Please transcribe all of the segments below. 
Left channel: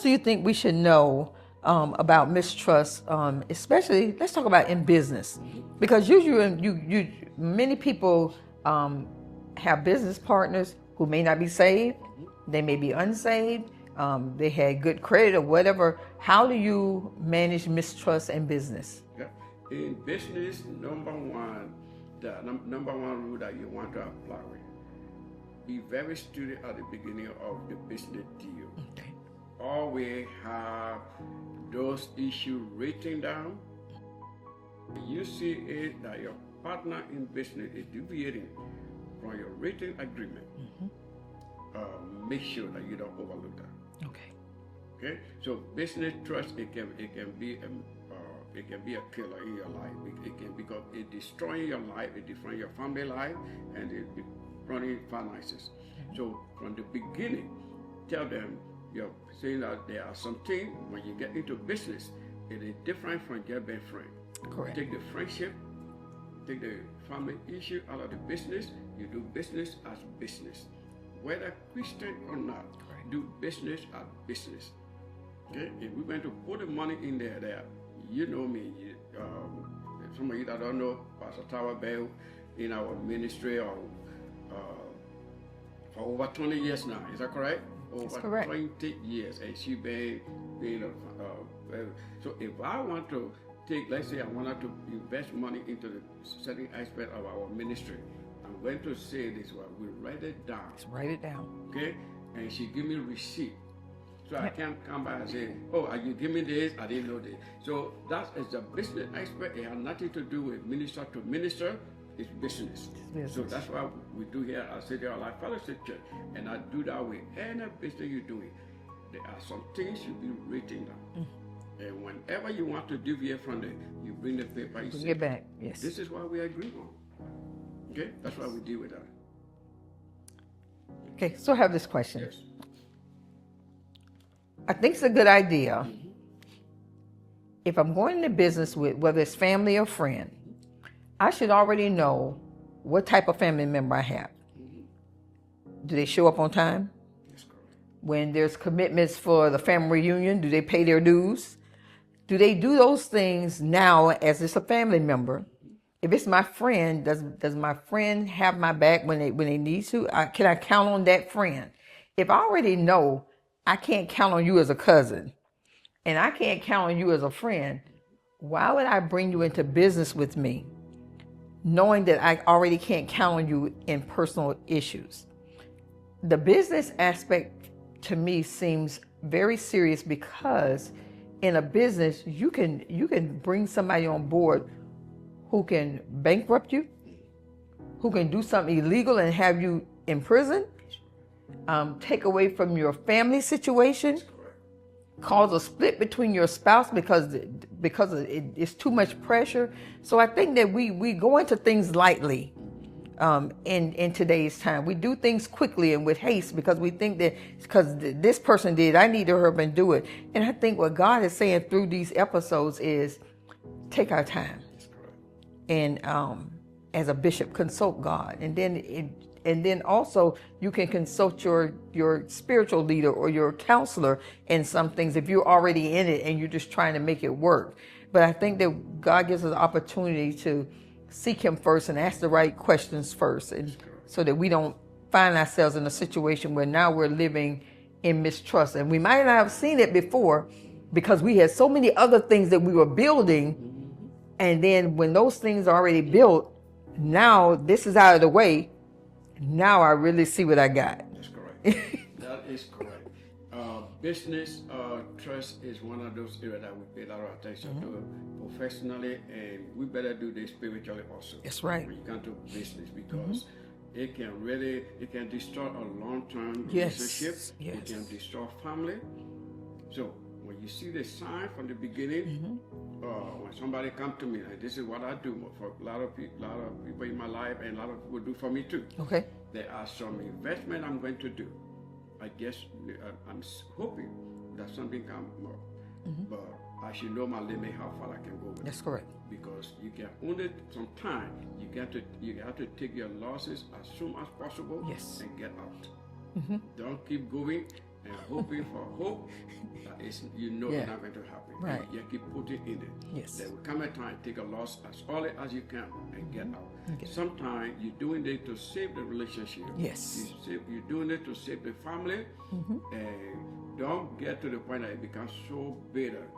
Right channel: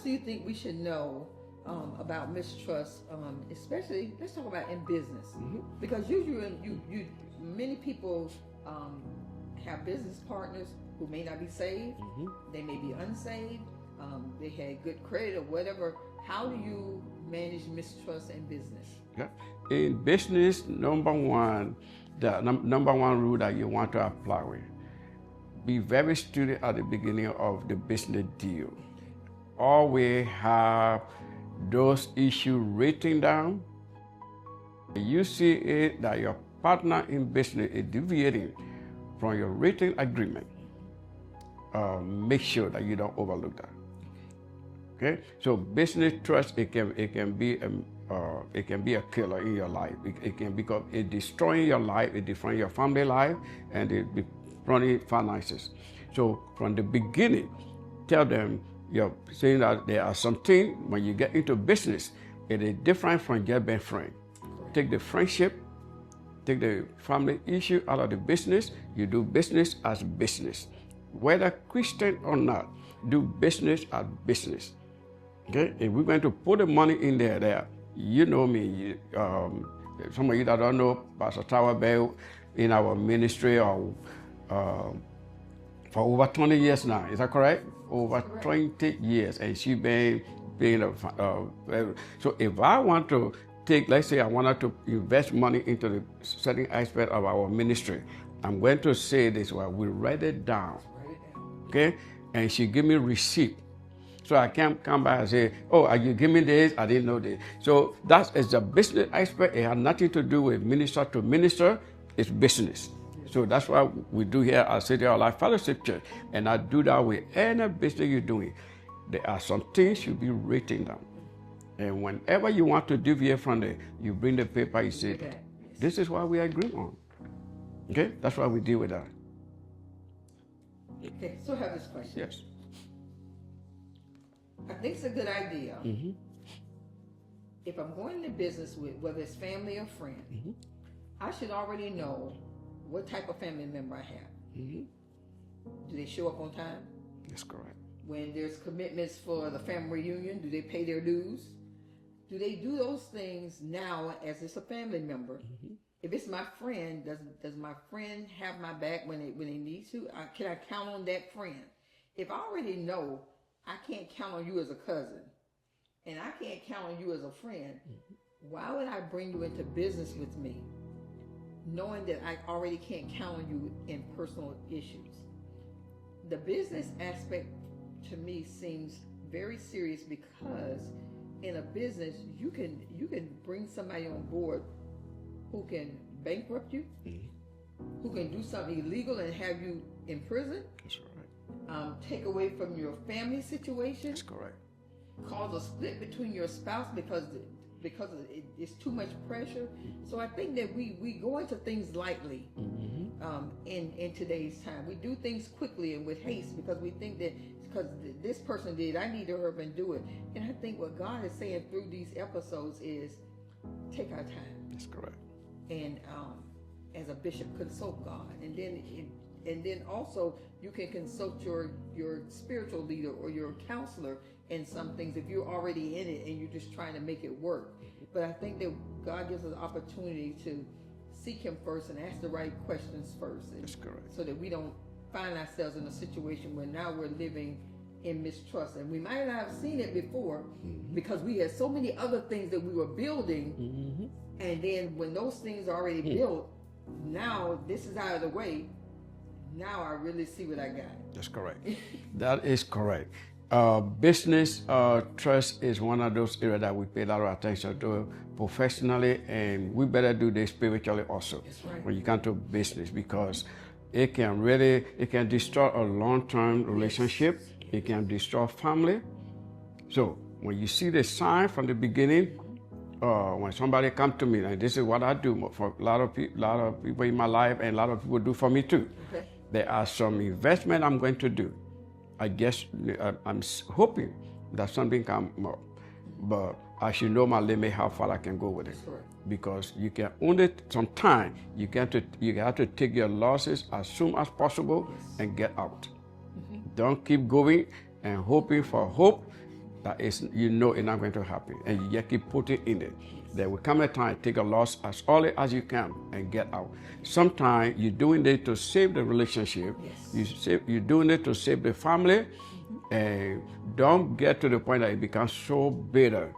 else do you think we should know about mistrust, especially, let's talk about in business? Because usually many people have business partners who may not be saved, they may be unsaved, they had good credit or whatever. How do you manage mistrust in business? In business, number one rule that you want to apply with, be very studious at the beginning of the business deal. Always have those issues written down. You see it that your partner in business is deviating from your written agreement. Make sure that you don't overlook that. Okay. So business trust, it can be a killer in your life. It can become destroying your life, it destroying your family life, and it running finances. So from the beginning, tell them you're saying that there are some things when you get into business, it is different from just being friend. Correct. Take the friendship, take the family issue out of the business. You do business as business, whether Christian or not. Do business as business. Okay, if we're going to put the money in there, you know me. Some of you that don't know, Pastor Tower Bell in our ministry for over 20 years now. Is that correct? Over 20 years, and she been so if I want to take, let's say I wanted to invest money into the certain aspect of our ministry, I'm going to say this, well, we write it down. Let's write it down. Okay, and she give me receipt. So I can't come back and say, oh, you give me this, I didn't know this. So that is the business aspect. It has nothing to do with minister to minister. It's business. Yes. So that's what we do here at City of Life Fellowship Church. And I do that with any business you're doing. There are some things should be written down. And whenever you want to deviate from it, you bring the paper, you say, back. Yes. This is what we agree on. Okay? That's why we deal with that. Okay, so I have this question. Yes. I think it's a good idea. If I'm going into business with, whether it's family or friend, I should already know what type of family member I have. Do they show up on time? That's correct. When there's commitments for the family reunion, do they pay their dues? Do they do those things now as it's a family member? If it's my friend, does my friend have my back when they need to? Can I count on that friend? If I already know I can't count on you as a cousin, and I can't count on you as a friend, why would I bring you into business with me, knowing that I already can't count on you in personal issues? The business aspect to me seems very serious, because in a business, you can bring somebody on board who can bankrupt you, who can do something illegal and have you in prison, take away from your family situation, cause a split between your spouse because it's too much pressure. So I think that we go into things lightly in today's time. We do things quickly and with haste because we think that because this person did, I need to hurry up and do it. And I think what God is saying through these episodes is take our time. That's correct. And as a bishop, consult God, and then also you can consult your spiritual leader or your counselor in some things if you're already in it and you're just trying to make it work. But I think that God gives us the opportunity to seek Him first and ask the right questions first, and so that we don't find ourselves in a situation where now we're living in mistrust. And we might not have seen it before because we had so many other things that we were building. And then when those things are already built, now this is out of the way. Now I really see what I got. That's correct. That is correct. Business trust is one of those areas that we pay a lot of attention to professionally, and we better do this spiritually also. That's right. When you come to business, because it can destroy a long-term relationship. Yes. It can destroy family. So when you see the sign from the beginning, when somebody come to me, and this is what I do for a lot of people in my life, and a lot of people do for me too. Okay. There are some investment I'm going to do. I guess I'm hoping that something come up, but I should know my limit, how far I can go with it. That's correct. Because you can only sometimes you have to take your losses as soon as possible and get out. Don't keep going and hoping for hope that is, you know, Yeah. it's not going to happen, Right. and you just keep putting in it. Yes. There will come a time, take a loss as early as you can and get out. Sometimes you're doing it to save the relationship. Yes. You're doing it to save the family, and don't get to the point that it becomes so bitter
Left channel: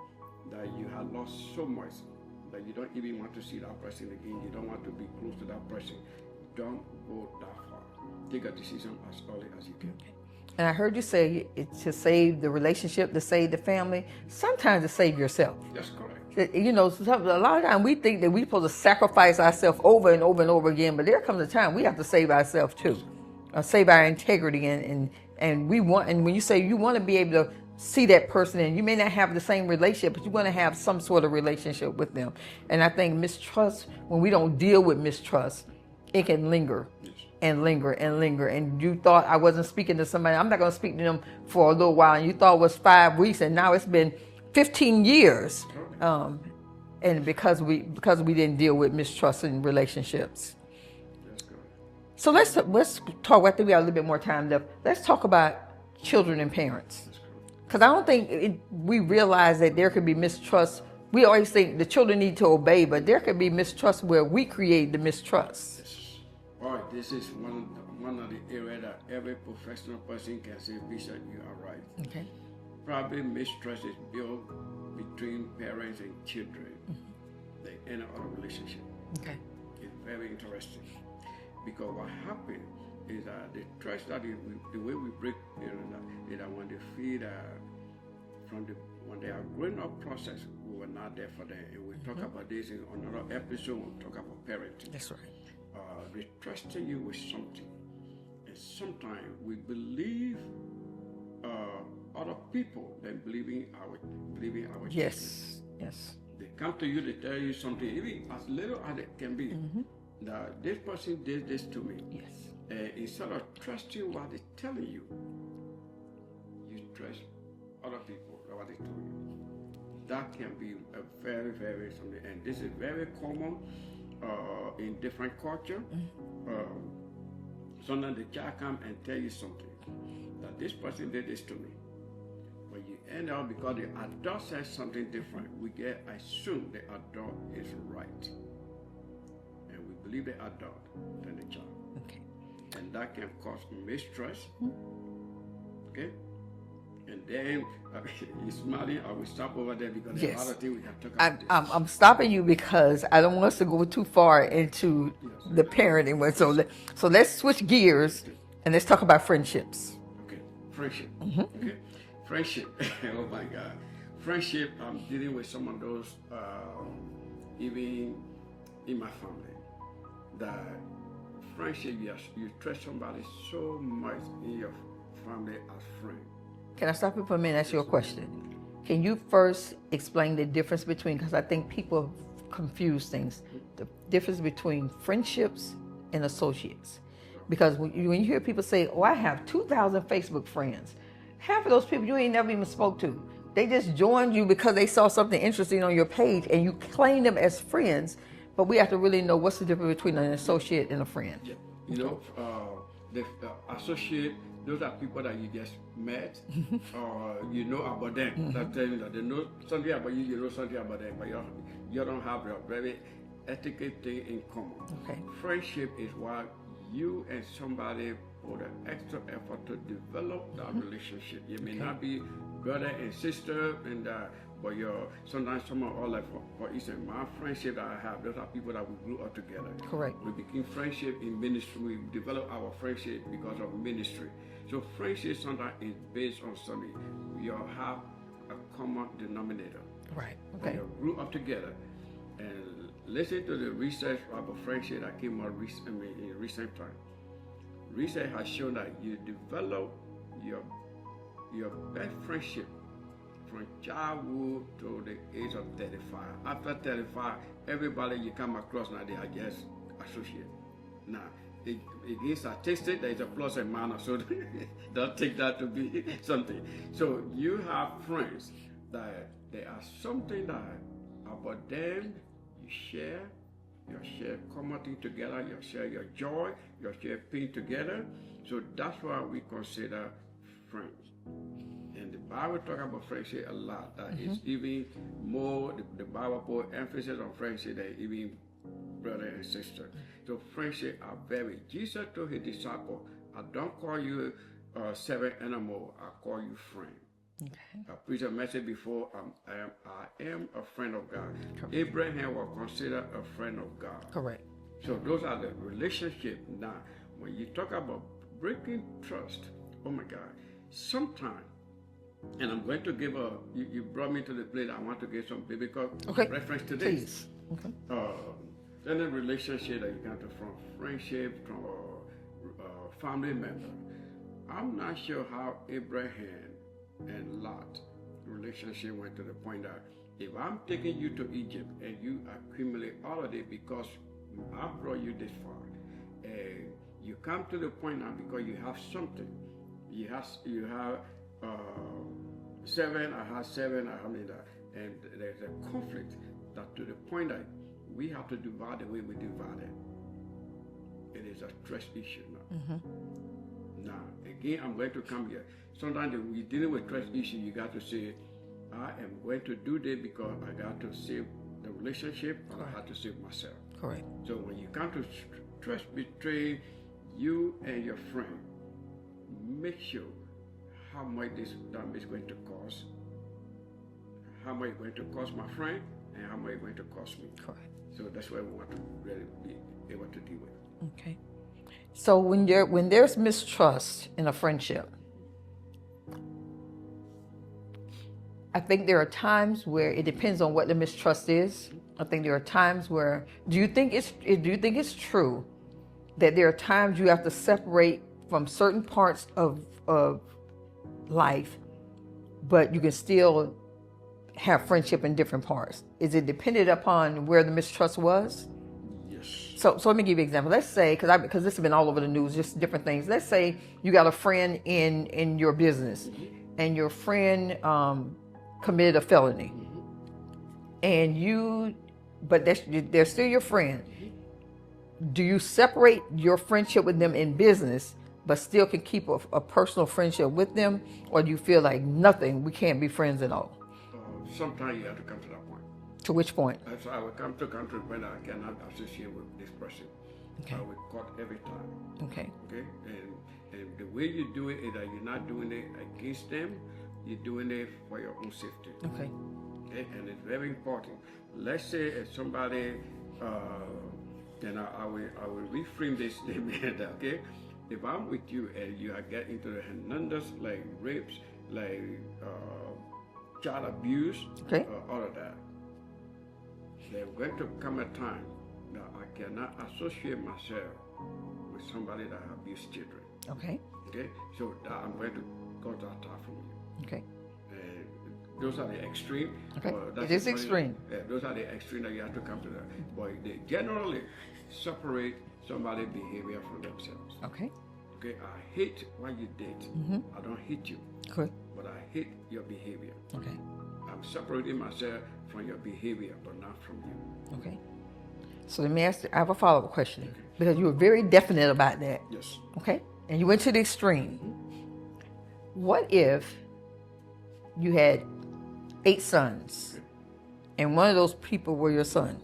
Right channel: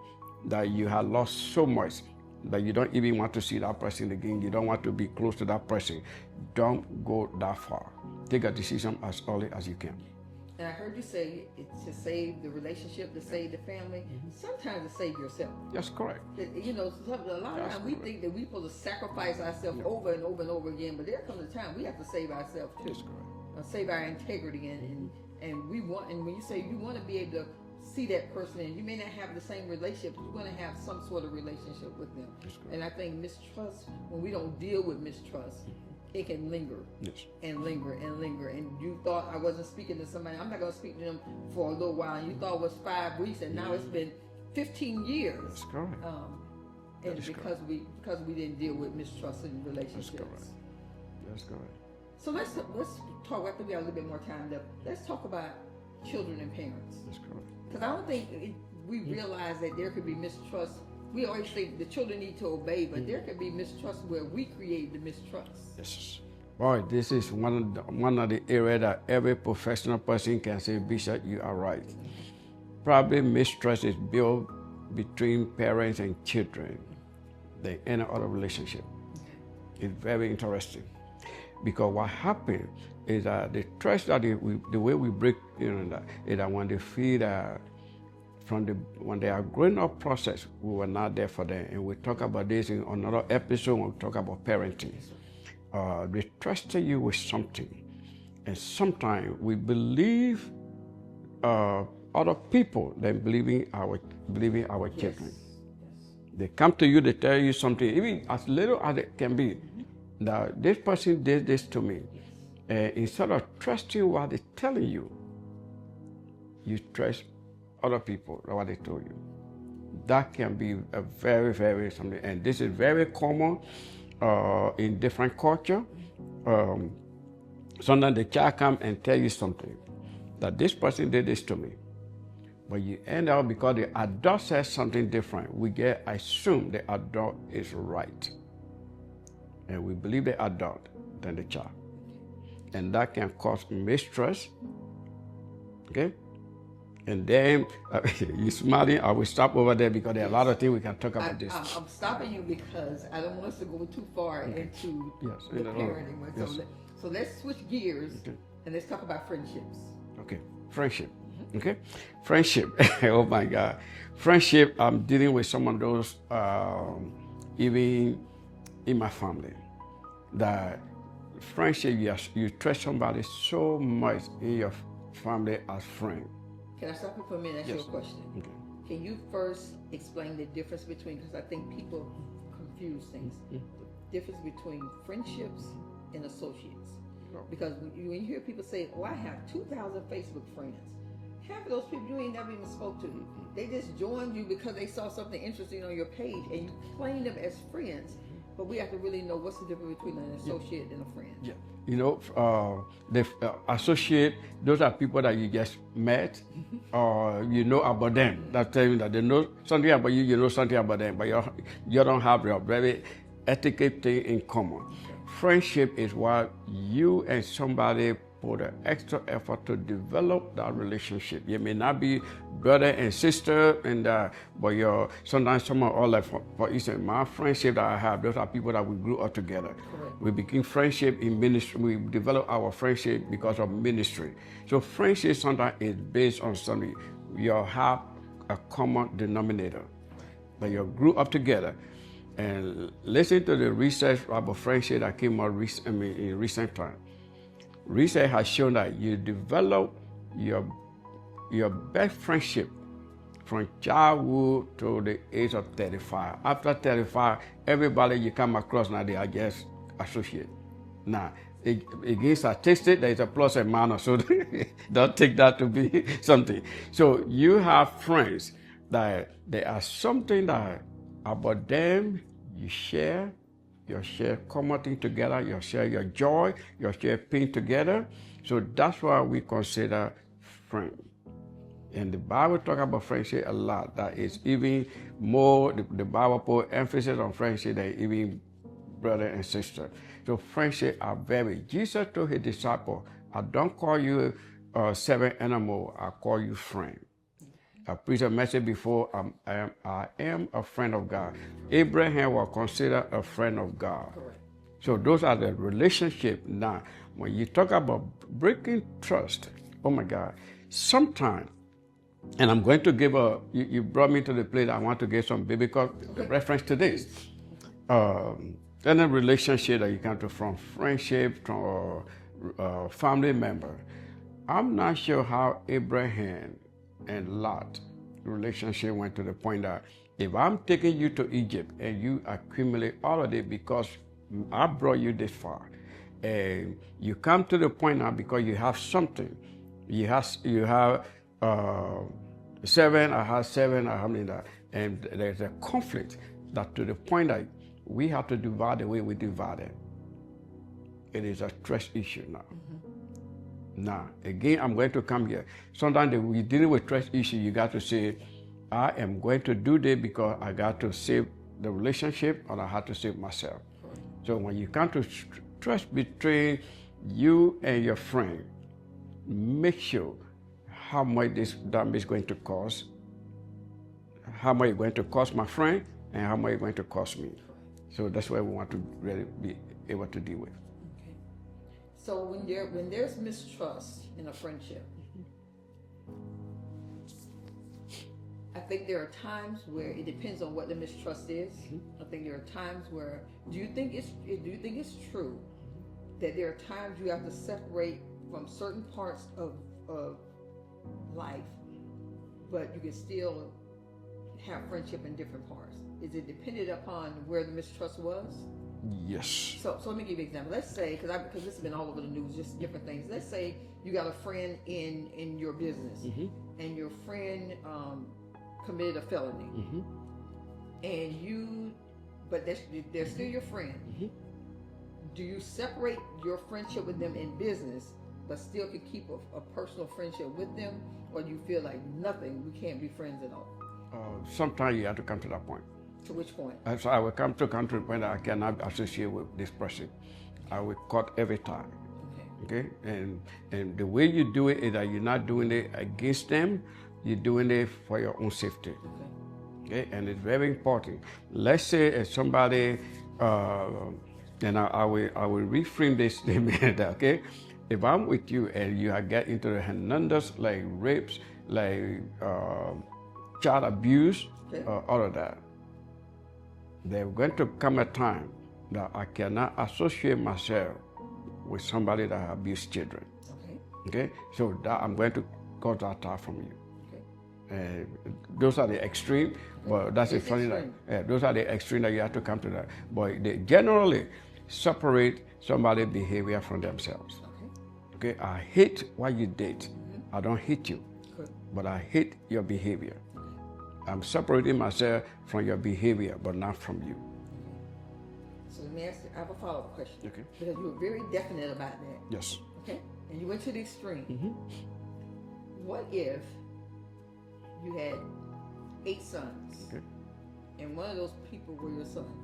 that you have lost so much that you don't even want to see that person again. You don't want to be close to that person. Don't go that far. Take a decision as early as you can. And I heard you say it's to save the relationship, to save the family, sometimes to save yourself. That's correct. You know, a lot of times we think that we're supposed to sacrifice ourselves over and over and over again, but there comes a time we have to save ourselves too, save our integrity, and we want. And when you say you want to be able to see that person, and you may not have the same relationship, but you want to have some sort of relationship with them. And I think mistrust, when we don't deal with mistrust, it can linger. Yes. And linger and linger. And you thought I wasn't speaking to somebody, I'm not going to speak to them for a little while. And you thought it was 5 weeks, and now it's been 15 years. Correct. And because we didn't deal with mistrust in relationships. That's correct. So let's talk. I think we got a little bit more time left. Let's talk about children and parents. That's correct. Because I don't think we realize that there could be mistrust. We always think the children need to obey, but there could be mistrust where we create the mistrust. Yes. Boy, this is one of the areas that every professional person can say, Bishop, you are right. Okay. Probably mistrust is built between parents and children than any other relationship. Okay. It's very interesting, because what happens is that the trust that the way we break, is that when they feel when they are growing up process, we were not there for them, and we talk about this in another episode when we talk about parenting. That's right. They trusted you with something, and sometimes we believe other people than believing our children. Yes. Yes. They come to you, they tell you something, even as little as it can be, that this person did this to me. Yes. And instead of trusting what they're telling you, you trust other people, what they told you. That can be a very, very something, and this is very common in different culture. Sometimes the child come and tell you something, that this person did this to me. But you end up, because the adult says something different, we assume the adult is right. And we believe the adult than the child. Okay. And that can cause mistrust. Okay? And then, you're smiling, I will stop over there because there are a lot of things we can talk about this. I'm stopping you because I don't want us to go too far into the parenting. So let's switch gears and let's talk about friendships. Okay, friendship. Okay, friendship. Oh my God, friendship. I'm dealing with some of those, even in my family. That friendship, you trust somebody so much in your family as friend. Can I stop you for a minute and ask you a question? Okay. Can you first explain the difference between, because I think people confuse things, the difference between friendships and associates. Because when you hear people say, oh, I have 2,000 Facebook friends, half of those people you ain't never even spoke to. They just joined you because they saw something interesting on your page and you claim them as friends, but we have to really know what's the difference between an associate and a friend. Yeah. You know, the associate, those are people that you just met or you know about them. That tell you that they know something about you, you know something about them, but you don't have your very etiquette thing in common. Okay. Friendship is what you and somebody put an extra effort to develop that relationship. You may not be brother and sister, and but sometimes someone all like for instance, my friendship that I have, those are people that we grew up together. Correct. We became friendship in ministry. We developed our friendship because of ministry. So friendship sometimes is based on something. You have a common denominator. Right. That you grew up together. And listen to the research about friendship that came out in recent time. Research has shown that you develop your best friendship from childhood to the age of 35. After 35, everybody you come across now, they are just associates. Now, again, statistics, there is a plus and minus, so don't take that to be something. So you have friends that there are something that about them you share common thing together, you share your joy, you share pain together. So that's why we consider friends. And the Bible talk about friendship a lot. That is even more, the Bible put emphasis on friendship than even brother and sister. So friendship are very, Jesus told his disciple, I don't call you servant anymore, I call you friend. I preached a message before, I am a friend of God. Abraham was considered a friend of God. Correct. So those are the relationship. Now, when you talk about breaking trust, oh my God, sometimes, and I'm going to give you brought me to the place I want to give some biblical reference to this. Then a relationship that you come to from friendship, from family member. I'm not sure how Abraham and Lot relationship went to the point that if I'm taking you to Egypt and you accumulate all of it because I brought you this far, and you come to the point now because you have something. You have 7, I have 7, I have that, and there's a conflict that to the point that we have to divide the way we divide it. It is a trust issue now. Now, again, I'm going to come here. Sometimes when you're dealing with trust issue, you got to say, I am going to do this because I got to save the relationship and I have to save myself. Correct. So when you come to trust between you and your friend, make sure how much this damage is going to cost, how much it's going to cost my friend, and how much it's going to cost me. Correct. So that's what we want to really be able to deal with. Okay. So when there's mistrust in a friendship, I think there are times where it depends on what the mistrust is. I think there are times where do you think it's true that there are times you have to separate from certain parts of life, but you can still have friendship in different parts? Is it dependent upon where the mistrust was? Yes. So let me give you an example. Let's say, because this has been all over the news, just different things. Let's say you got a friend in your business, and your friend committed a felony, and but they're still your friend. Do you separate your friendship with them in business, but still can keep a personal friendship with them, or do you feel like nothing, we can't be friends at all? Sometimes you have to come to that point. To which point? So I will come to a country when I cannot associate with this person. Okay. I will cut every time. Okay. Okay. And the way you do it is that you're not doing it against them. You're doing it for your own safety. Okay. Okay. And it's very important. Let's say if somebody, and I will reframe this statement. Okay. If I'm with you and you get into the Hernandez, like rapes, like child abuse, all of that, there's going to come a time that I cannot associate myself with somebody that abused children. Okay. Okay. So that I'm going to cut that out from you. Okay. Those are the extreme. Okay. Well, that's this extreme. Those are the extreme that you have to come to that. But they generally separate somebody's behavior from themselves. Okay. Okay. I hate what you did. I don't hate you. Good. But I hate your behavior. Okay. I'm separating myself from your behavior, but not from you. Okay. So let me ask. I have a follow-up question, Okay. because you were very definite about that. Yes. Okay. And you went to the extreme. What if you had 8 sons, and one of those people were your son?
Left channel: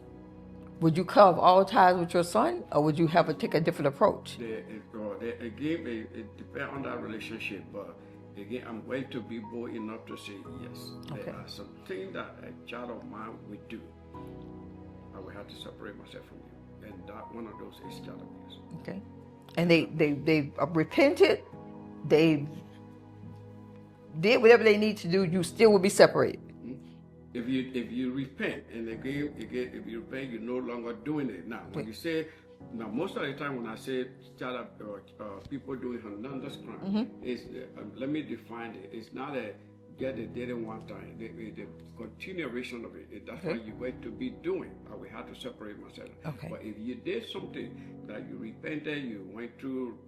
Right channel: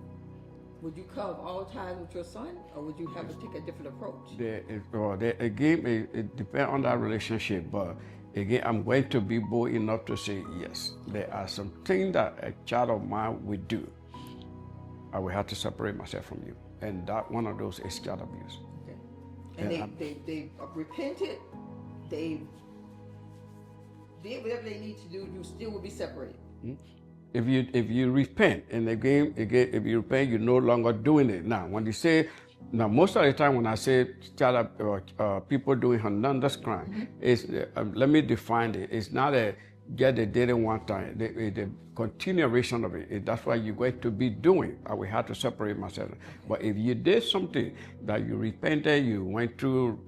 Would you cut off all ties with your son, or would you take a different approach? Again, it depends on that relationship, but again, I'm going to be bold enough to say yes. Okay. There are some things that a child of mine will do. I will have to separate myself from you, and that one of those is child abuse. Okay. And they repented. They did whatever they need to do. You still will be separated. If you repent, and again, if you repent, you're no longer doing it. Now, when you say, now most of the time when I say people doing Hernandez crime, is let me define it. It's not a get they did it one time. The continuation of it. That's what you're going to be doing. I will have to separate myself. Okay. But if you did something that you repented, you went through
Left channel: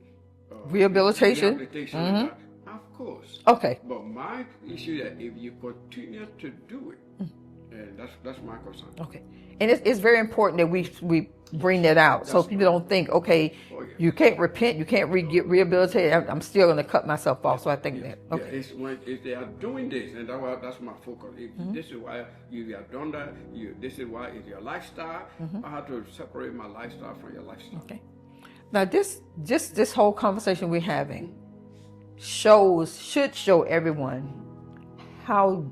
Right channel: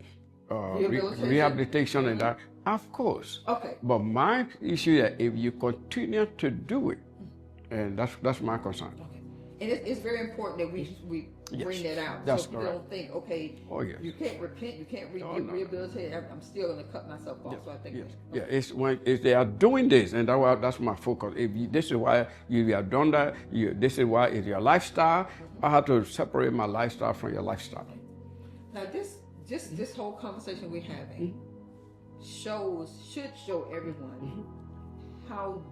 rehabilitation, and that, of course. Okay. But my issue is that if you continue to do it, and that's my concern. Okay. And it's very important that we bring that out, so people don't think, okay, you can't repent, you can't get rehabilitated. I'm still going to cut myself off. So I think that. Okay. It's when if they are doing this, and that's my focus. If this is why you have done that, this is why it's your lifestyle. I have to separate my lifestyle from your lifestyle. Okay. Now this whole conversation we're having should show everyone how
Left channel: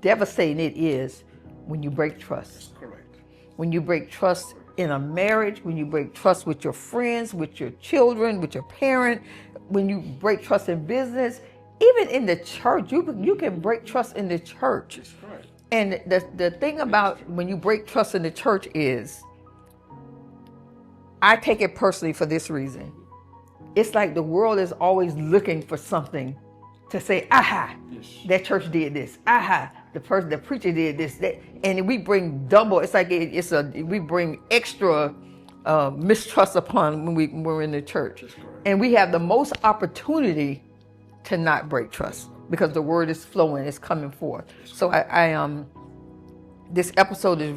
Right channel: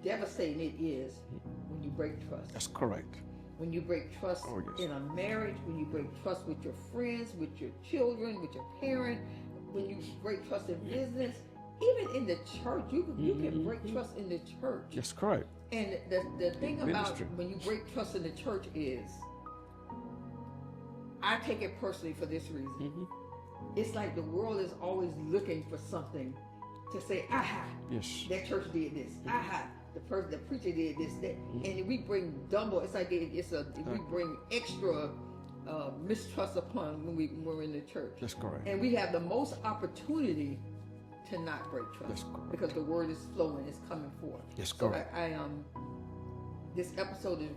devastating it is when you break trust. That's correct. When you break trust in a marriage, when you break trust with your friends, with your children, with your parent, when you break trust in business, even in the church, you can break trust in the church. That's correct. And the thing about when you break trust in the church is, I take it personally for this reason. It's like the world is always looking for something to say, aha, that church did this. Aha, the preacher did this. That, and we bring double. It's like we bring extra mistrust upon when we're in the church. That's correct. And we have the most opportunity to not break trust because the word is flowing, it's coming forth. So this episode is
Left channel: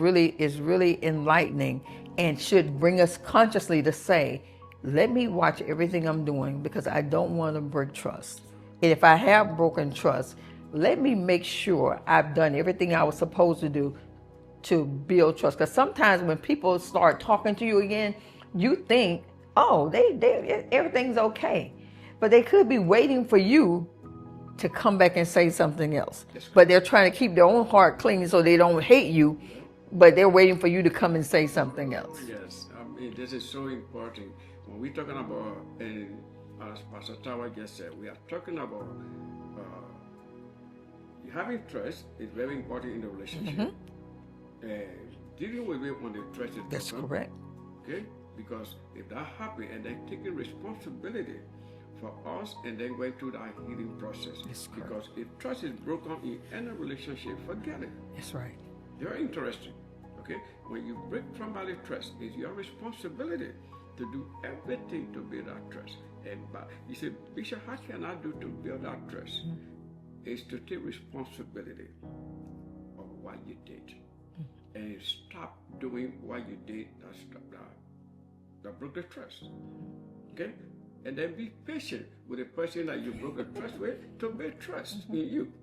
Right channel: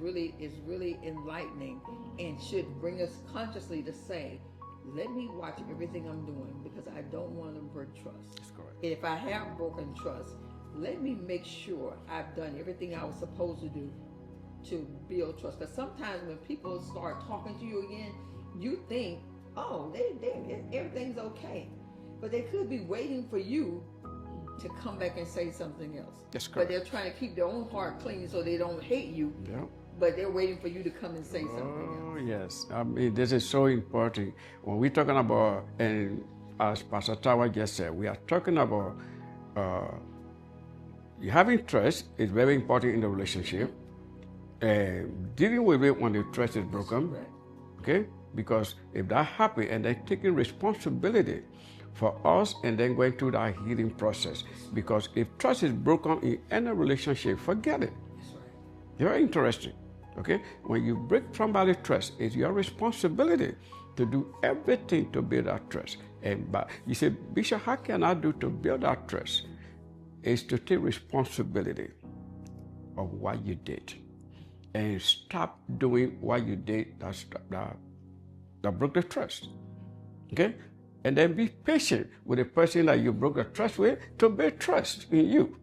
really enlightening and should bring us consciously to say, let me watch everything I'm doing because I don't want to break trust. And if I have broken trust, let me make sure I've done everything I was supposed to do to build trust. Because sometimes when people start talking to you again, you think, oh, everything's okay. But they could be waiting for you to come back and say something else. But they're trying to keep their own heart clean so they don't hate you. Yeah. But they're waiting for you to come and say something else. Yes, I mean, this is so important. When we're talking about, and as Pastor Tawa just said, we are talking about having trust is very important in the relationship. Dealing with it when the trust is broken. That's correct. Okay? Because if that happens and they're taking responsibility for us and then going through that healing process. Because if trust is broken in any relationship, forget it. That's right. Very interesting. Okay? When you break somebody's trust, it's your responsibility to do everything to build that trust. But you say, Bishop, how can I do to build that trust? Is to take responsibility of what you did and stop doing what you did that broke the trust. Okay? And then be patient with the person that you broke the trust with to build trust in you.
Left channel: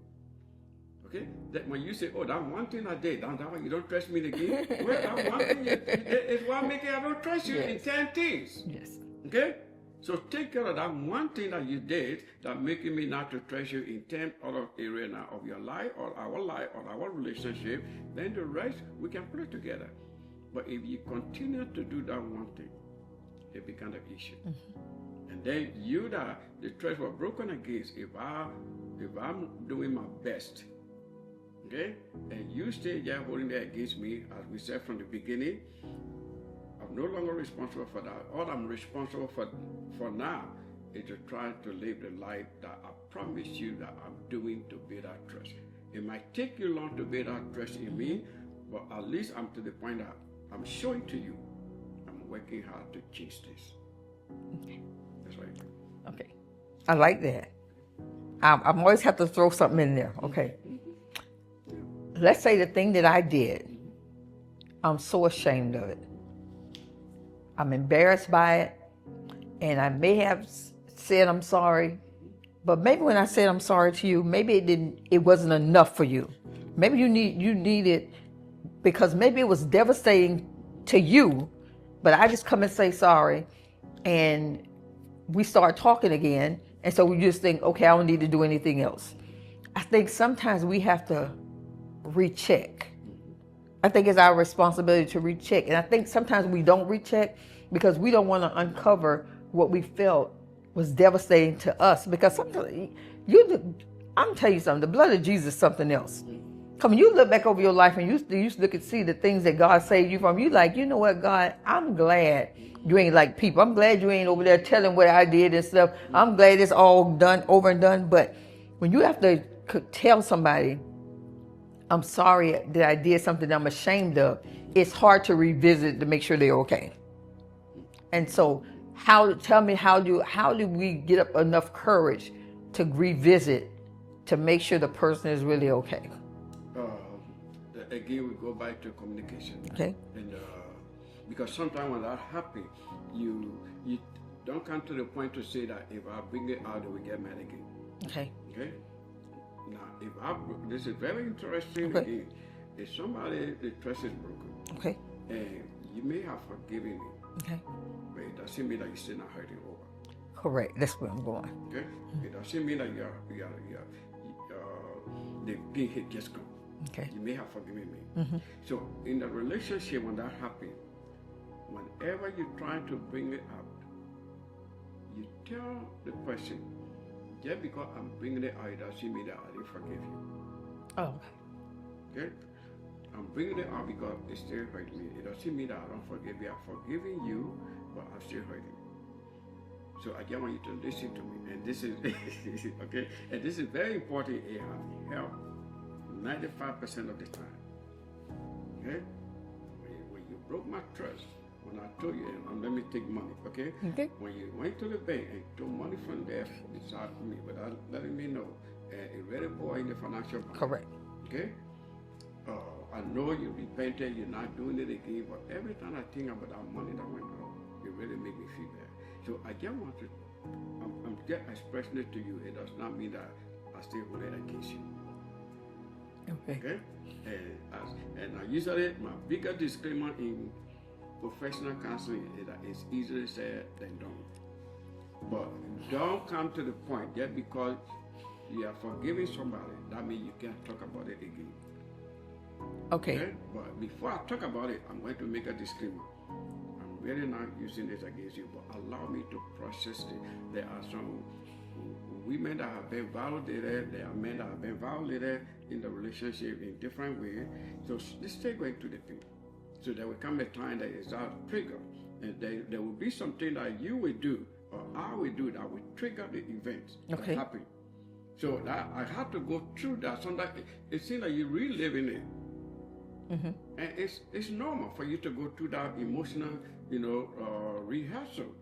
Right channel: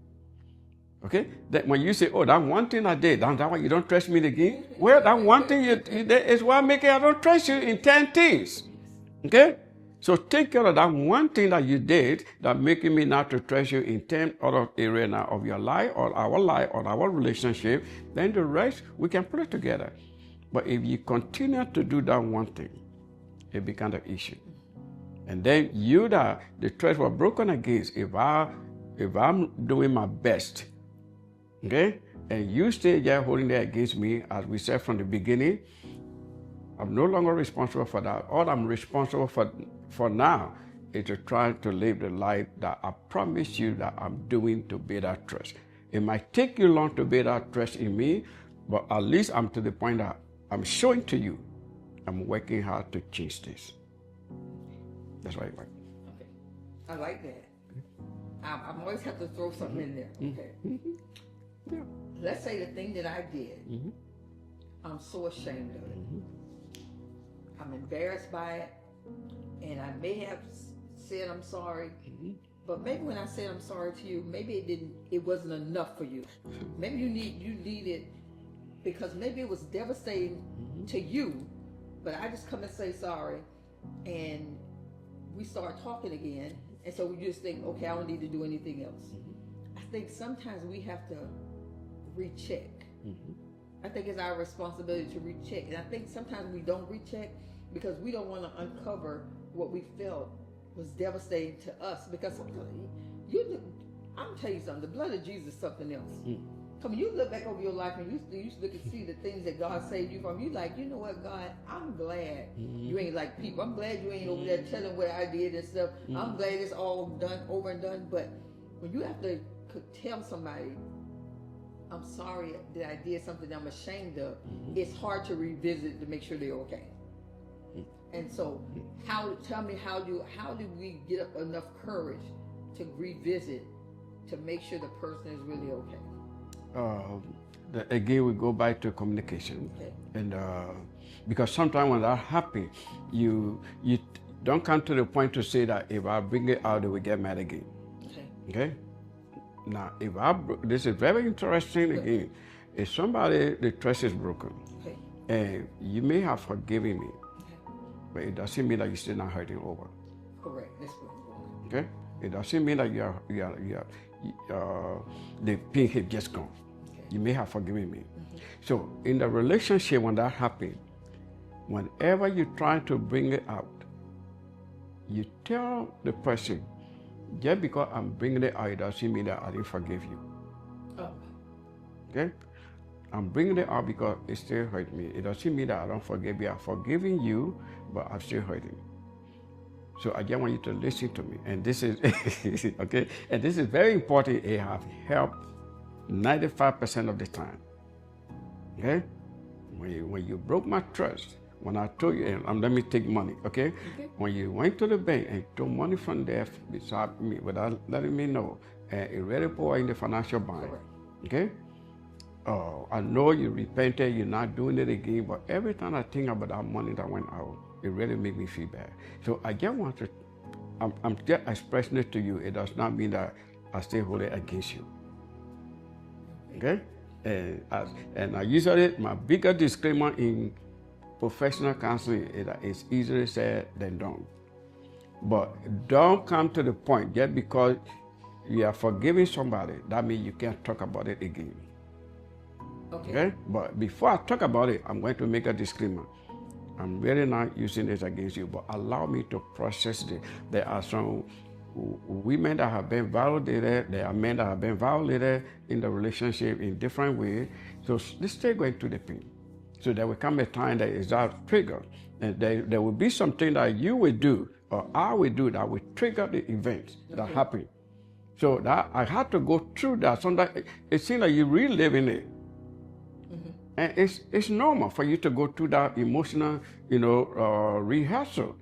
Okay? That when you say, oh, that one thing I did, that one you don't trust me again. Well, that one thing is what making I don't trust you in 10 things. Yes. Okay? So take care of that one thing that you did that making me not to trust you in 10 other areas now of your life or our relationship. Then the rest, we can put it together. But if you continue to do that one thing, it becomes an issue. And then the trust was broken against, if I'm doing my best, okay, and you stay there holding that against me, as we said from the beginning, I'm no longer responsible for that. All I'm responsible for now is to try to live the life that I promised you that I'm doing to build that trust. It might take you long to build that trust in me, but at least I'm to the point that I'm showing to you I'm working hard to change this. That's right. Okay. I like that. I'm always have to throw something in there. Okay. Yeah. Let's say the thing that I did, I'm so ashamed of it. I'm embarrassed by it, and I may have said I'm sorry, but maybe when I said I'm sorry to you, maybe it wasn't enough for you. Maybe you need it because maybe it was devastating to you, but I just come and say sorry, and we start talking again, and so we just think, okay, I don't need to do anything else. I think sometimes we have to recheck. I think it's our responsibility to recheck. And I think sometimes we don't recheck because we don't want to uncover what we felt was devastating to us. Because sometimes, I'm telling you something, the blood of Jesus is something else. Come on, you look back over your life and you look and see the things that God saved you from. You like, you know what, God, I'm glad you ain't like people. I'm glad you ain't over there telling what I did and stuff. I'm glad it's all done, over and done. But when you have to tell somebody, I'm sorry that I did something I'm ashamed of, it's hard to revisit to make sure they're okay. And so tell me how do we get up enough courage to revisit to make sure the person is really okay? again, we go back to communication. Okay. And because sometimes when that happens, you don't come to the point to say that if I bring it out, they will get mad again. Okay. Okay. Now, this is very interesting again. If somebody, the trust is broken, Okay. and you may have forgiven me, Okay. but it doesn't mean that you're still not hurting over. Correct. That's where I'm going. Okay. It doesn't mean that the pain had just gone. Okay. You may have forgiven me. So in the relationship, when that happens, whenever you try to bring it out, you tell the person, just because I'm bringing it out, it doesn't mean that I didn't forgive you. Oh. Okay? I'm bringing it out because it still hurt me. It doesn't mean that I don't forgive you. I'm forgiving you, but I'm still hurting. So I just want you to listen to me. And this is, okay? And this is very important. It has helped 95% of the time. Okay? When you broke my trust, when I told you, and let me take money, okay? Okay. When you went to the bank and took money from there beside me without letting me know, and it really put in the financial bind. Correct. Okay? Oh, I know you repented, you're not doing it again, but every time I think about that money that went out, it really makes me feel bad. So I just want to, I'm just expressing it to you. It does not mean that I still hold it against you. Okay. Okay? And I usually, my bigger disclaimer in professional counseling is that it's easier said than done. But don't come to the point just because you are forgiving somebody, that means you can't talk about it again. Okay. But before I talk about it, I'm going to make a disclaimer. I'm really not using this against you, but allow me to process it. There are some women that have been violated, there are men that have been violated in the relationship in different ways. So let's still going through the pain. So there will come a time that is that trigger. And there will be something that you will do or I will do that will trigger the events that happen. So that I had to go through that. Sometimes it seems like you're reliving it. And it's normal for you to go through that emotional, rehearsal,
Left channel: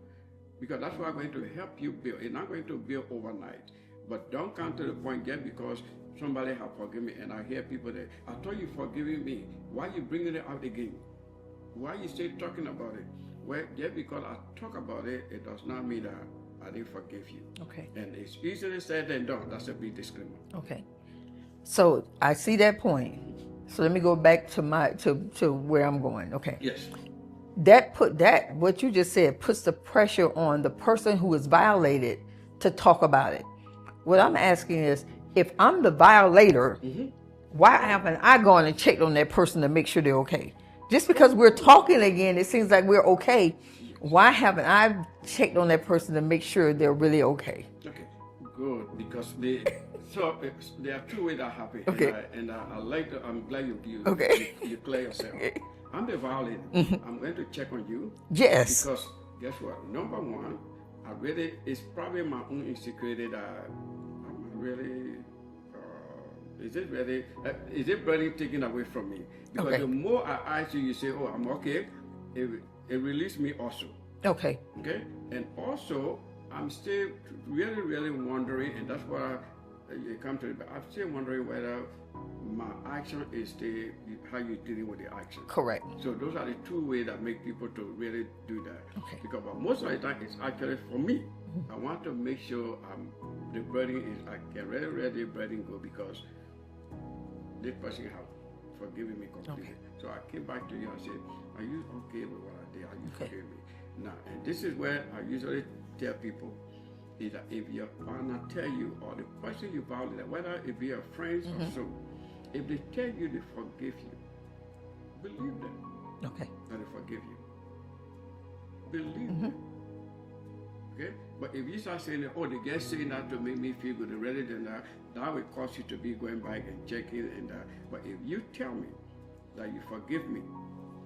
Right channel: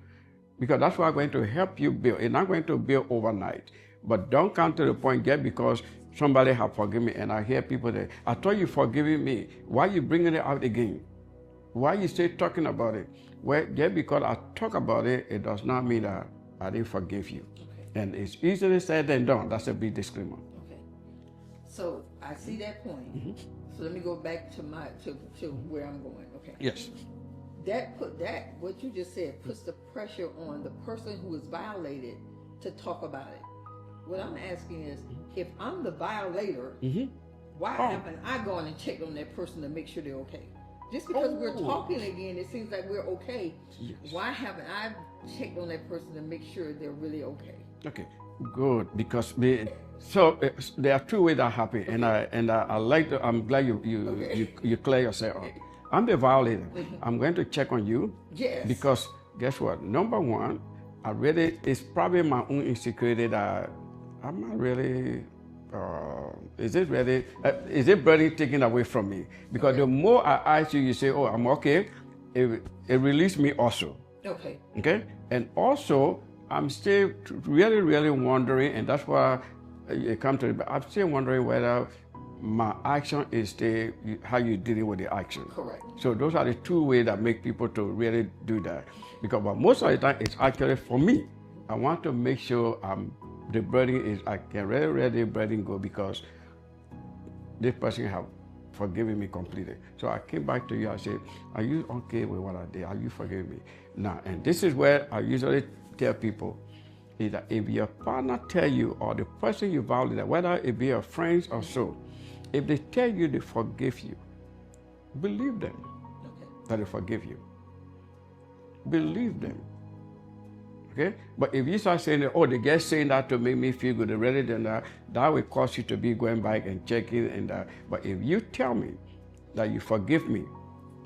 because that's what's going to help you build. It's not going to build overnight, but don't come to the point just because somebody have forgiven me. And I hear people that, I thought you forgiving me. Why you bringing it out again? Why you still talking about it? Well, just because I talk about it, it does not mean that I didn't forgive you. Okay. And it's easier said than done. That's a big disclaimer. Okay. So I see that point. So let me go back to where I'm going. Okay. Yes. What you just said puts the pressure on the person who is violated to talk about it. What I'm asking is, if I'm the violator, why haven't I gone and checked on that person to make sure they're okay? Just because we're talking again, it seems like we're okay. Why haven't I checked on that person to make sure they're really okay? Okay, good, because there are two ways that happen, Okay. and I like to, I'm glad you clear yourself. I'm the violator. I'm going to check on you. Yes. Because guess what? Number one, it's probably my own insecurity that I'm not really. Is it burden taken away from me? Because the more I ask you, you say, "Oh, I'm okay." It released me also. Okay. Okay, and also I'm still really, really wondering, and that's why it comes to. I'm still wondering whether my action is how you dealing with the action. Correct. So those are the two ways that make people to really do that. Because most of the time it's actually for me. I want to make sure the burden I can really let the burden go because this person have forgiven me completely. So I came back to you. I said, "Are you okay with what I did? Are you forgiving me?" Now, and this is where I usually tell people is that if your partner tell you or the person you violated, whether it be your friends or so, if they tell you they forgive you, believe them that they forgive you. Believe them. Okay? But if you start saying, "Oh, they just saying that to make me feel good," rather than that will cause you to be going back and checking and that. But if you tell me that you forgive me,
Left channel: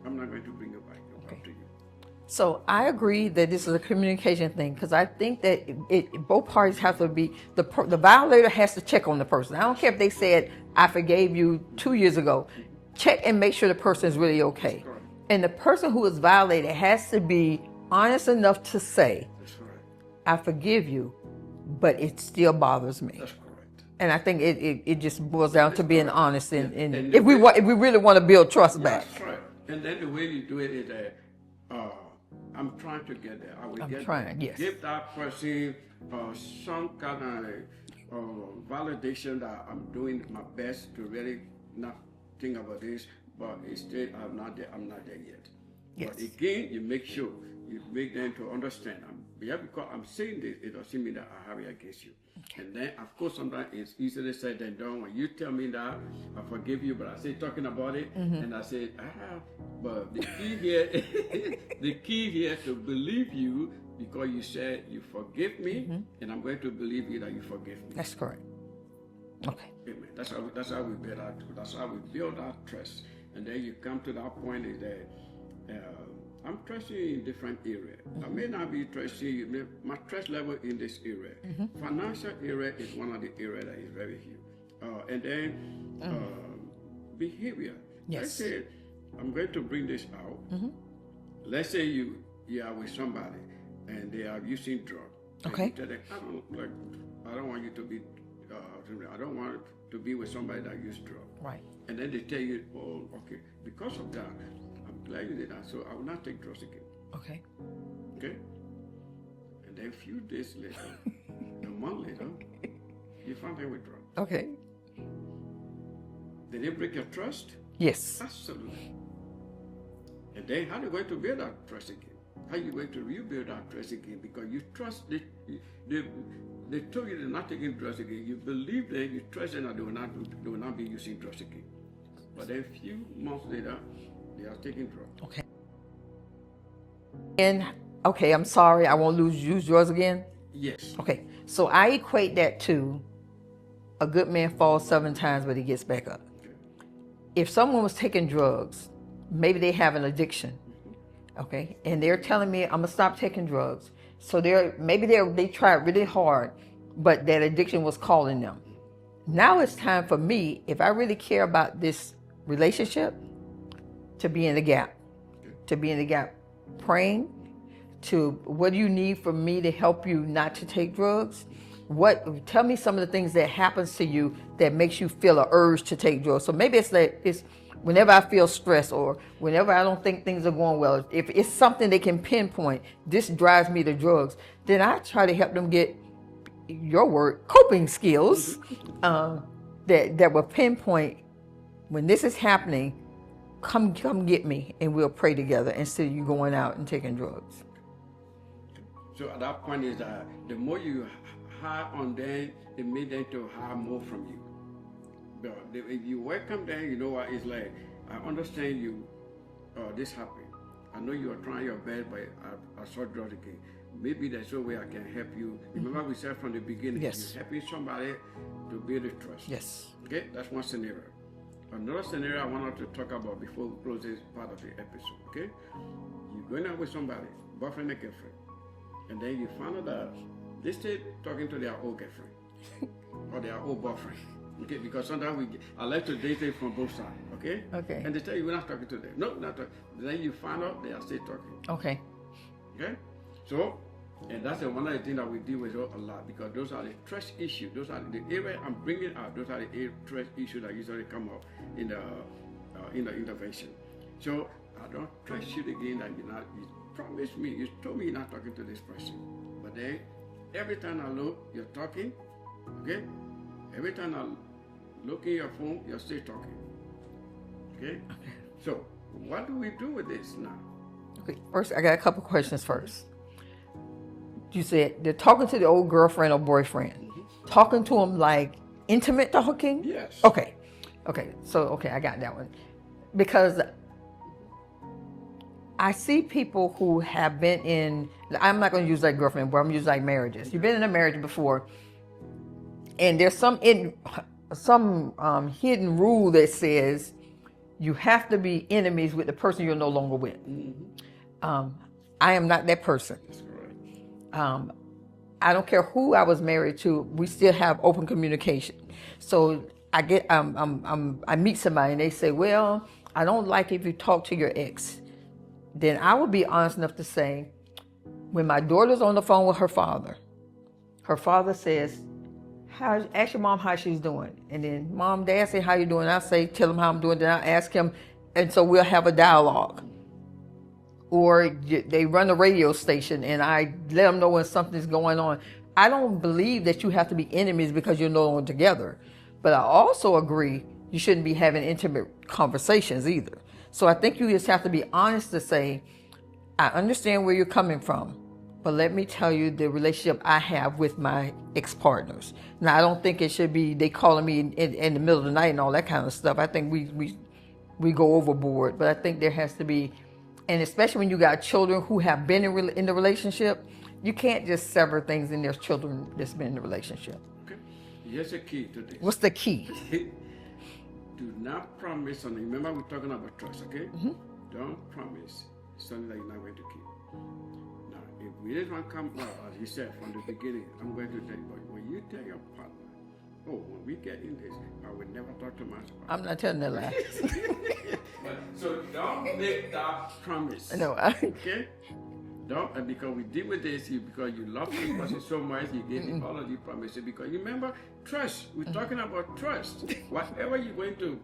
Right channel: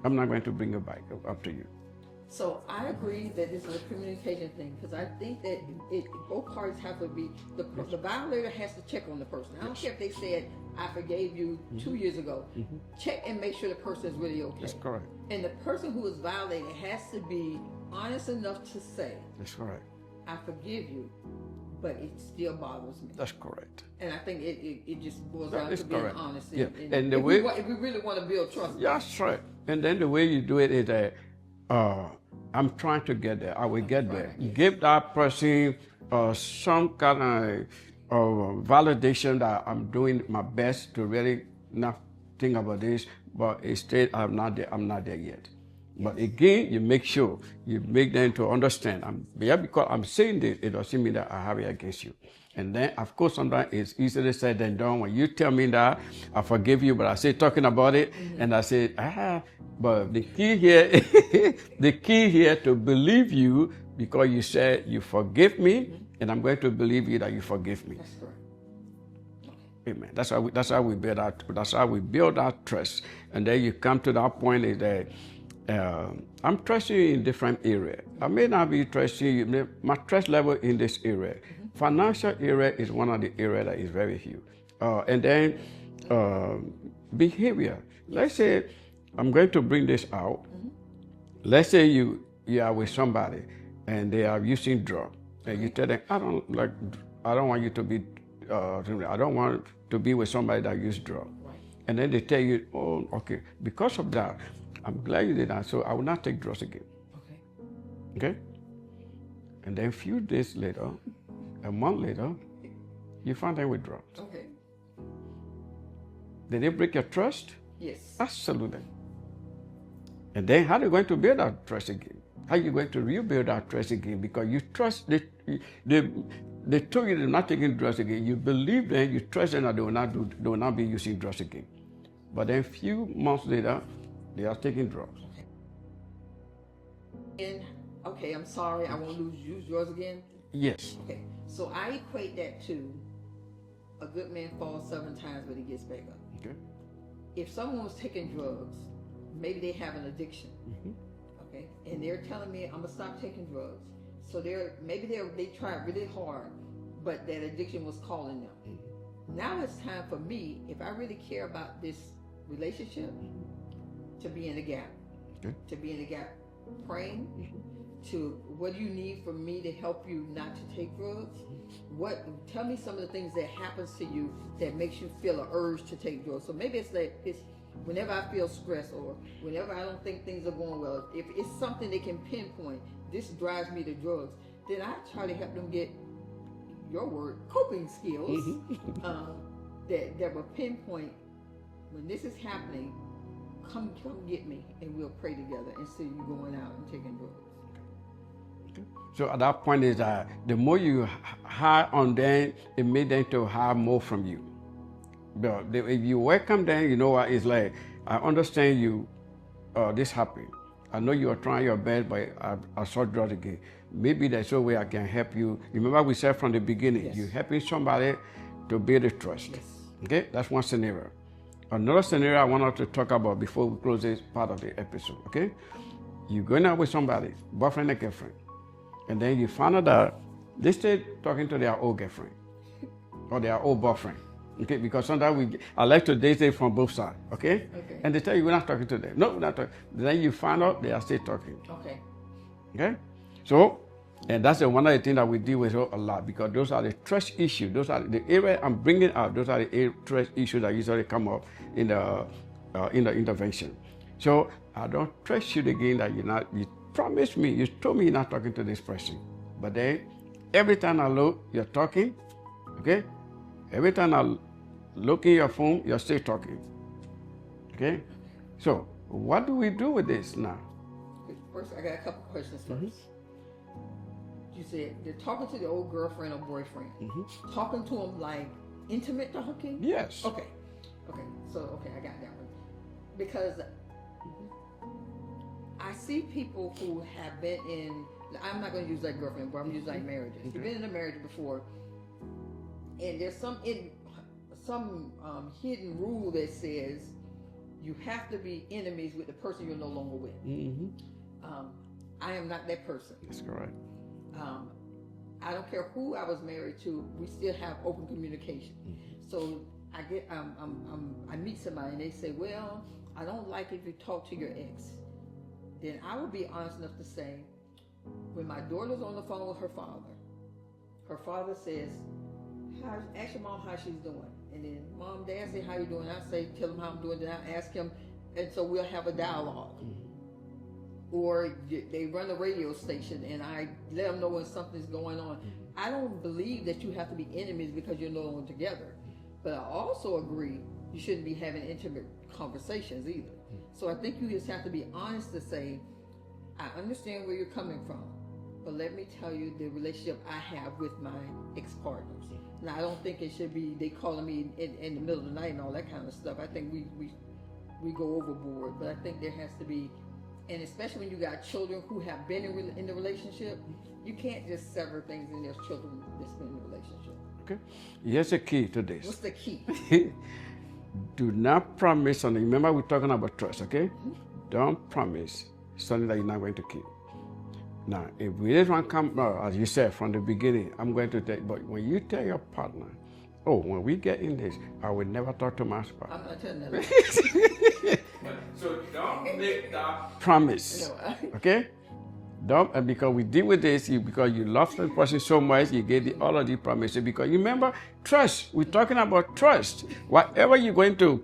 I'm not going to bring it back up to you. So I agree that this is a communication thing, because I think that both parties have to be, the violator has to check on the person. I don't care if they said, "I forgave you 2 years ago." Check and make sure the person is really okay. That's correct. And the person who is violated has to be honest enough to say, That's correct. "I forgive you, but it still bothers me. That's correct. And I think it just boils down to being correct. honest. And the if we way- if we really want to build trust back. That's right. And then the way you do it is that I'm trying to get there. I will get there. trying, yes. Give that person some kind of validation that I'm doing my best to really not think about this, but instead I'm not there. I'm not there yet. But again, you make sure you make them to understand. Because I'm saying this, it doesn't mean that I have it against you. And then, of course, sometimes it's easier said than done. When you tell me that, I forgive you, but I say talking about it, and I say, but the key here, the key here to believe you, because you said you forgive me, and I'm going to believe you that you forgive me. That's correct. Okay. Amen. That's how we build that. That's how we build that trust. And then you come to that point is that I'm trusting you in different areas. I may not be trusting you. My trust level in this area, financial area is one of the areas that is very huge. And then behavior. Yes. Let's say I'm going to bring this out. Let's say you are with somebody and they are using drugs, and you tell them, I don't want you to be. I don't want to be with somebody that uses drugs. Right. And then they tell you, oh, okay, because of that, I'm glad you did that, so I will not take drugs again. Okay. Okay? And then a few days later, a month later, you find them with drugs. Okay. Did they break your trust? Yes. Absolutely. And then how are you going to build that trust again? How are you going to rebuild that trust again? Because you trust, they told you they're not taking drugs again. You believe them, you trust them that they will not be using drugs again. But then a few months later, they are taking drugs. Okay. And okay, I'm sorry, I won't use drugs again. Yes. Okay, so I equate that to a good man falls 7 times, but he gets back up. Okay. If someone was taking drugs, maybe they have an addiction, okay, and they're telling me I'm gonna stop taking drugs. So they tried really hard, but that addiction was calling them. Now it's time for me, if I really care about this relationship, to be in the gap, praying. To what do you need from me to help you not to take drugs? Tell me some of the things that happens to you that makes you feel an urge to take drugs. So maybe it's whenever I feel stressed or whenever I don't think things are going well. If it's something they can pinpoint, this drives me to drugs. Then I try to help them get your word coping skills that will pinpoint when this is happening. Come get me, and we'll pray together instead of you going out and taking drugs. So at that point is that the more you hire on them, it makes them to hire more from you. But if you welcome them, you know what it's like. I understand you. This happened. I know you are trying your best, but I saw drugs again. Maybe there's a way I can help you. Remember we said from the beginning, Yes. you're helping somebody to build a trust. Yes. Okay, that's one scenario. Another scenario I wanted to talk about before we close this part of the episode, okay? You're going out with somebody, boyfriend and girlfriend, and then you find out that they still talking to their old girlfriend or their old boyfriend, okay? Because sometimes I like to date it from both sides, okay? Okay. And they tell you we're not talking to them. No, we're not talking. Then you find out they are still talking, Okay. okay? So, and that's one of the things that we deal with a lot because those are the trust issues. Those are the area I'm bringing out. Those are the trust issues that usually come up in the intervention. So I don't trust you again that you promised me, you told me you're not talking to this person. But then every time I look, you're talking, okay? Every time I look in your phone, you're still talking, okay? So what do we do with this now? Okay. First, I got a couple questions first. You said they're talking to the old girlfriend or boyfriend. Talking to them like intimate talking? Yes. Okay. So, I got that one. Because I see people who have been in, I'm not going to use like girlfriend, but I'm going to use like marriages. You've been in a marriage before, and there's some hidden rule that says you have to be enemies with the person you're no longer with. I am not that person. That's correct. I don't care who I was married to. We still have open communication. So I meet somebody and they say, "Well, I don't like if you talk to your ex." Then I would be honest enough to say, when my daughter's on the phone with her father, her father says, ask your mom how she's doing. And then mom, dad say, how you doing? I say, tell him how I'm doing. Then I ask him. And so we'll have a dialogue. Or they run a radio station and I let them know when something's going on. I don't believe that you have to be enemies because you're no longer together. But I also agree you shouldn't be having intimate conversations either. So I think you just have to be honest to say, I understand where you're coming from, but let me tell you the relationship I have with my ex-partners. Now, I don't think it should be they calling me in the middle of the night and all that kind of stuff. I think we go overboard, but I think there has to be, and especially when you got children who have been in the relationship, you can't just sever things in their children that's been in the relationship. Okay. Here's the key to this. What's the key? Do not promise something. Remember, we're talking about trust, okay? Mm-hmm. Don't promise something that you're not going to keep. Now, if this one comes, as you said from the beginning, I'm going to take, but when you tell your partner, oh, when we get in this, I will never talk to my spouse. I'm not telling that lie. So don't make that promise. No, okay? Don't, because we deal with this, because you love the person so much, you gave all of these promises. Because you remember, trust. We're talking about trust. Whatever you're going to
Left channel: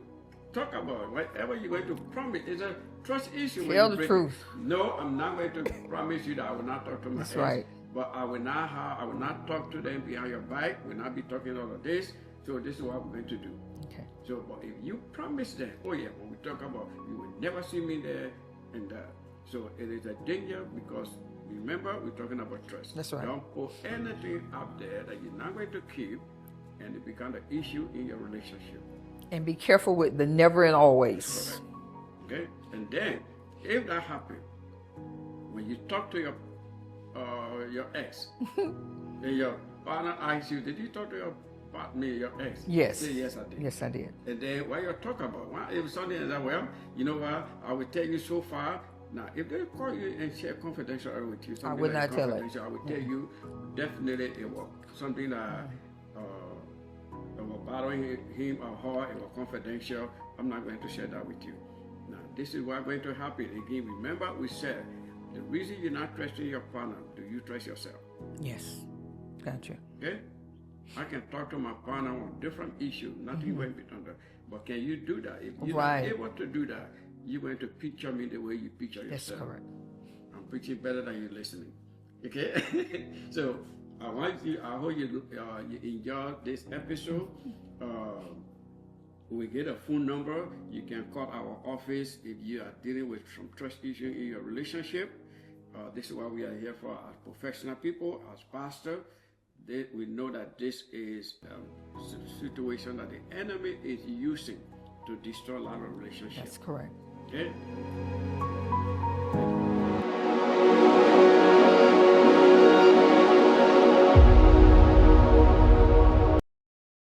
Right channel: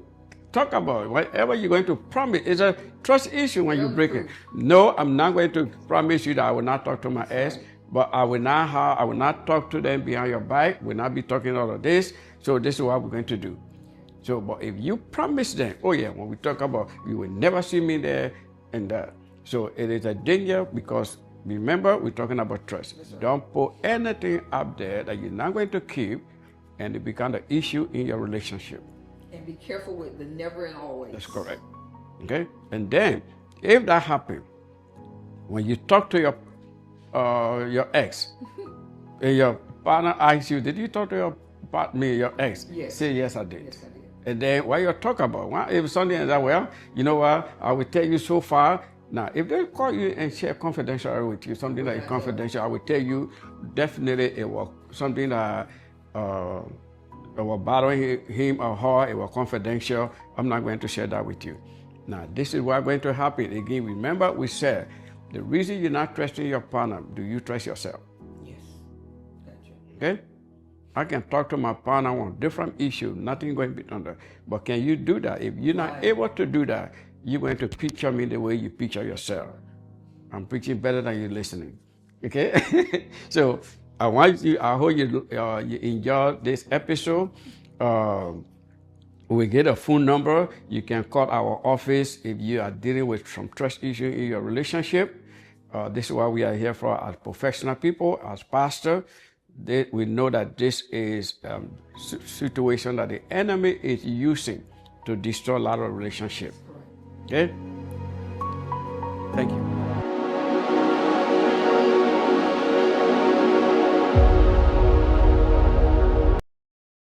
talk about, whatever you're going to promise, it's a trust issue when you break it. No, I'm not going to promise you that I will not talk to my ex, but I will not talk to them behind your back. We'll not be talking all of this. So this is what we're going to do. Okay. So, but if you promise them, oh yeah, when we talk about, you will never see me there and that. So it is a danger because remember, we're talking about trust. That's right. Don't put anything up there that you're not going to keep, and it becomes an issue in your relationship. And be careful with the never and always. That's correct. Okay? And then, if that happens, when you talk to your ex, and your partner asks you, did you talk to your ex? Yes. Say, yes, I did. Yes, I did. And then what you're talking about, if something is that, well, you know what, I will tell you so far. Now, if they call you and share confidential with you, something that is confidential, I will tell you, definitely it was something that was bothering him or her, it was confidential. I'm not going to share that with you. Now, this is what's going to happen. Again, remember we said, the reason you're not trusting your partner, do you trust yourself? Yes. Gotcha. Okay? I can talk to my partner on different issues, nothing going to be done there. But can you do that? If you're not able to do that, you're going to picture me the way you picture yourself. I'm preaching better than you're listening. Okay? So I hope you enjoy this episode. We get a phone number. You can call our office if you are dealing with some trust issue in your relationship. This is what we are here for as professional people, as pastors. We know that this is a situation that the enemy is using to destroy a lot of relationships. That's correct. Okay?